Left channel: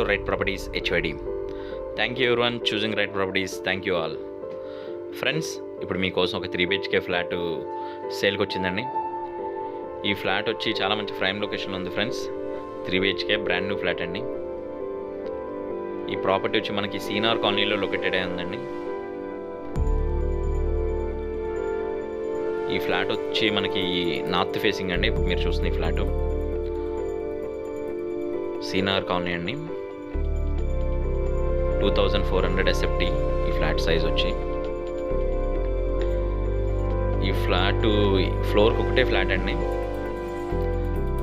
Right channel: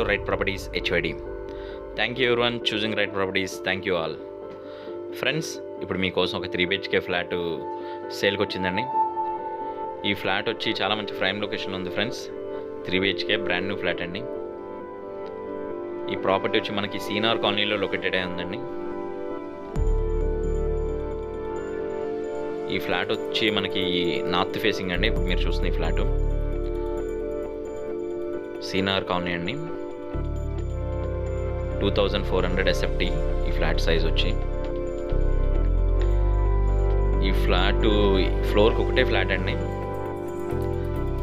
to Right Properties HYD. Thank you everyone choosing Right Properties. Thank you all. Friends, ఇప్పుడు మీకోసం ఒక 3 BHK flat సేల్కి వచ్చిందండి. ఈ ఫ్లాట్ వచ్చి చాలా మంచి ప్రైమ్ లొకేషన్లో ఉంది friends. 3 BHK brand new flat అండి. ఈ ప్రాపర్టీ వచ్చి మనకి సీనార్ కాలనీలో లొకేటెడ్ అయి ఉందండి. ఈ ఫ్లాట్ వచ్చి మనకి నార్త్ ఫేసింగ్ అండి. ఇప్పుడు మీరు చూస్తున్న ఈ ఫ్లాటు సీనార్ కాలనీ అండి. 2400 SFT ఈ ఫ్లాట్ సైజ్ వచ్చి. ఈ ఫ్లాట్ ఫ్లోర్కి ఒకటే ఫ్లాట్ అండి,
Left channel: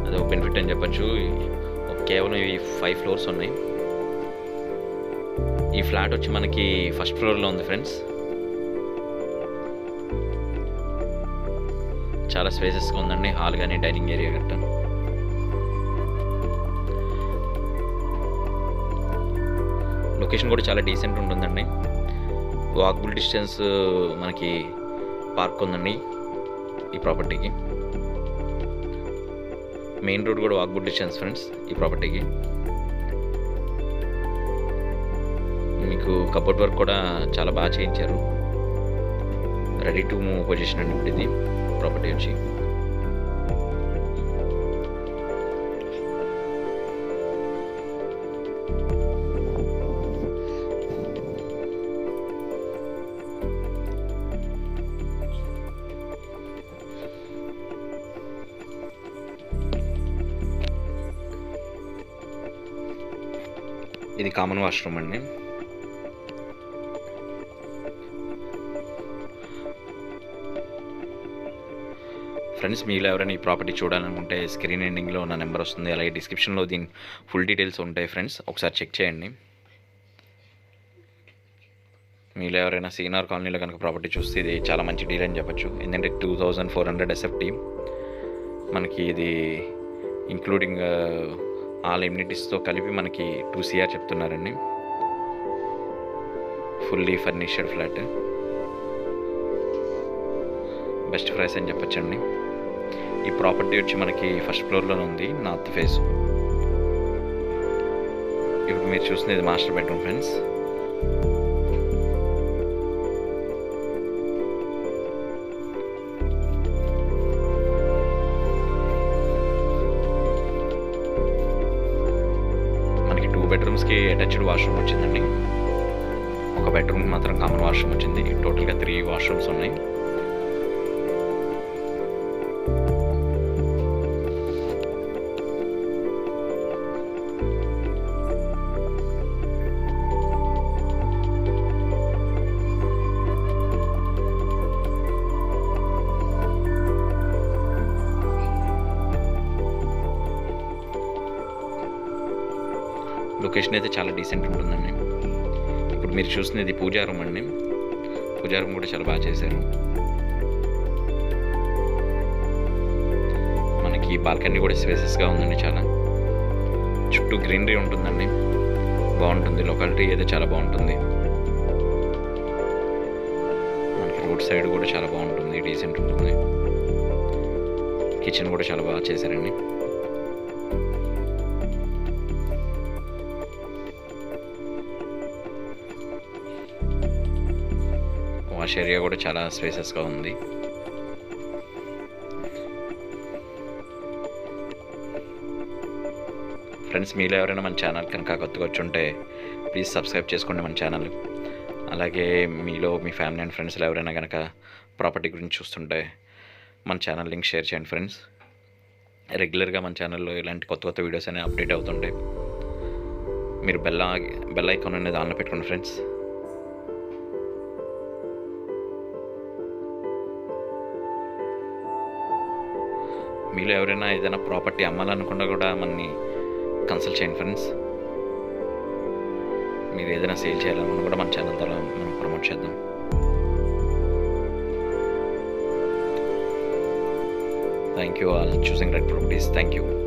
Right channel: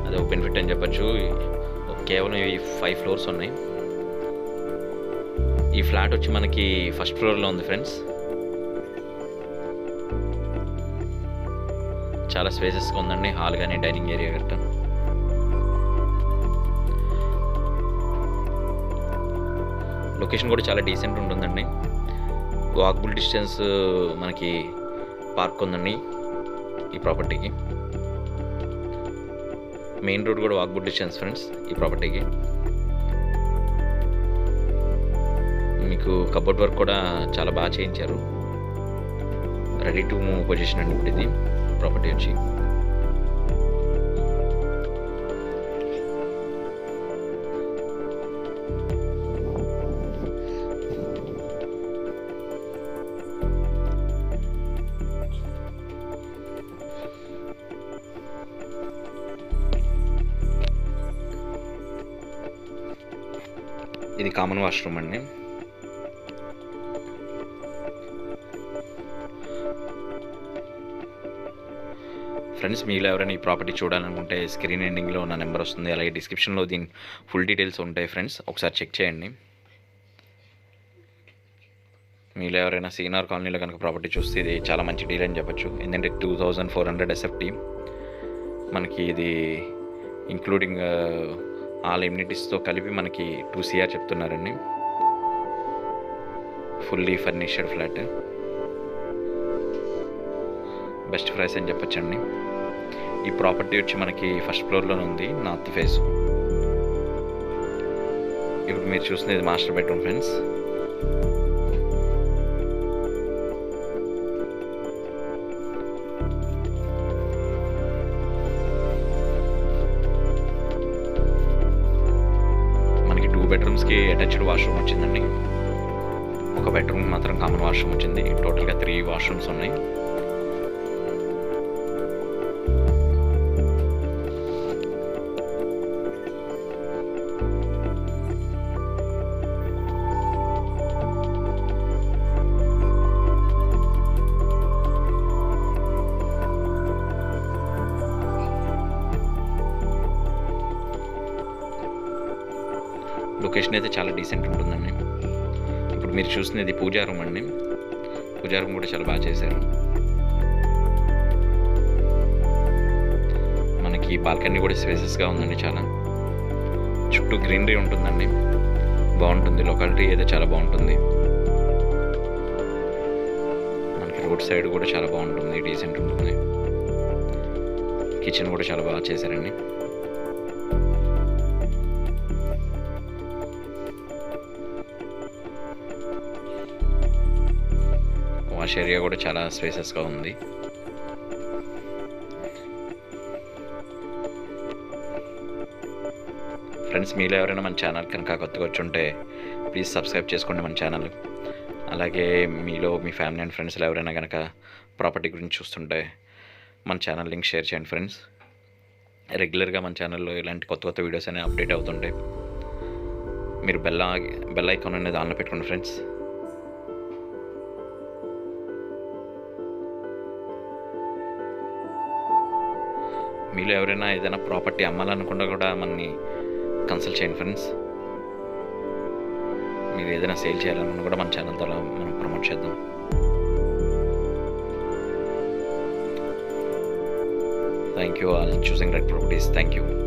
అది ఒక బెనిఫిట్ అని చెప్పచ్చు. కేవలం ఇవి 5 ఫ్లోర్స్ ఉన్నాయి. ఈ ఫ్లాట్ వచ్చి మనకి ఫస్ట్ ఫ్లోర్లో ఉంది ఫ్రెండ్స్. చాలా స్పేసెస్గా ఉందండి, హాల్ కానీ డైనింగ్ ఏరియా గట్రా. లొకేషన్ కూడా చాలా డీసెంట్ ఉంటుందండి. వాకబుల్ డిస్టెన్స్ మనకి పార్క్ ఉందండి ఈ ప్రాపర్టీకి. మెయిన్ రోడ్ కూడా వాకబుల్ డిస్టెన్స్ ఫ్రెండ్స్ ఈ ప్రాపర్టీకి. మీకు కబోర్డ్ వర్క్ కూడా చాలా బాగా చేయించారు. రెడీ టు మూవ్ పొజిషన్ అండి ఇప్పుడు ఇది ప్రాపర్టీ వచ్చి. ఇది కామన్ వాష్రూమ్ అండి. ఫ్రెండ్స్, మీలో ఎవరైనా ఈ ప్రాపర్టీ చూడాలనుకుంటే స్క్రీన్ ఎండింగ్లో నా నెంబర్ వస్తుంది, అలాగే డిస్క్రిప్షన్లో దీని ఫుల్ డీటెయిల్స్ ఉంటాయి ఫ్రెండ్స్, ఒకసారి చెక్ చేయండి. మీలో ఎవరైనా సీనార్ కాలనీలో కనుక ప్రాపర్టీ చూస్తే ఇది చాలా మంచి డీల్ అని చెప్పచ్చు. ఎందుకంటే 2400 SFT మనకి ఇది ఇంక్లూడింగ్ ఆల్ ఎమ్యూనిటీస్తో కలిపి మనకి 2 CR చెప్తున్నారండి. Fully furnished flat, best price అని చెప్పచ్చండి. ఈ ప్రాపర్టీ వచ్చి మనకి ఫస్ట్ ఫ్లోర్లోనే ఉంది, నార్త్ ఫేస్. ఇప్పుడు మీరు చూస్తున్నది మాస్టర్ బెడ్రూమ్ ఫ్రెండ్స్. మనకి 2 బెడ్రూమ్స్కి అటాచ్డ్ వాష్రూమ్ వచ్చిందండి. ఒక బెడ్రూమ్ మాత్రం కామన్ వాష్రూమ్ వచ్చింది. టోటల్గా 3 వాష్రూమ్స్ ఉన్నాయి. లొకేషన్ అయితే చాలా డీసెంట్ ఉంటుందండి. ఇప్పుడు మీరు చూస్తున్నది పూజా రూమ్ అండి. పూజా రూమ్ కూడా చాలా బాగా చేశారు. మనకి బాల్కనీ కూడా స్పేసెస్గా ఉందండి. చాలా చుట్టూ గ్రీనరీ ఉంటుందండి, బాగుంటుంది. లొకాలిటీ అయితే చాలా బాగుంటుంది. మనకి రోడ్ సైడ్ కూడా చాలా బాగుంటుంది, డీసెంట్ ఉంటుంది. కిచెన్ కూడా చాలా బాగా చేశారండి. వాష్ ఏరియా కూడా చాలా స్పేసెస్గా ఉంది. ఫ్రెండ్స్, మీలో ఎవరైనా మన ఛానల్ కనుక కొత్తగా వచ్చి ఉంటే ప్లీజ్ సబ్స్క్రైబ్ చేసుకోండి మన ఛానల్. అలాగే మీలో మీ ఫ్యామిలీ అండ్ ఫ్రెండ్స్లో ఎవరైనా కనుక ప్రాపర్టీ గురించి చూస్తుంటే మన ఛానల్ లింక్ షేర్ చేయండి ఫ్రెండ్స్. రెగ్యులర్గా మన ఛానల్లో ఇలాంటి కొత్త కొత్త వీడియోస్ అనేవి అప్డేట్ అవుతుంటాయి. మీరు బెల్ ఐకాన్ అనేది ఆన్లో పెట్టుకోండి ఫ్రెండ్స్. మీలో ఎవరైనా ఏదైనా ప్రాపర్టీ అమ్మాలనుకున్నా కూడా మనని కన్సల్ట్ చేయండి ఫ్రెండ్స్. మీరు ఏదైనా సేల్ చేయాలనుకున్నా కూడా మన ఛానల్ ద్వారా మనం ప్రమోట్ చేద్దాం. Thank you all choosing Right Properties. Thank you.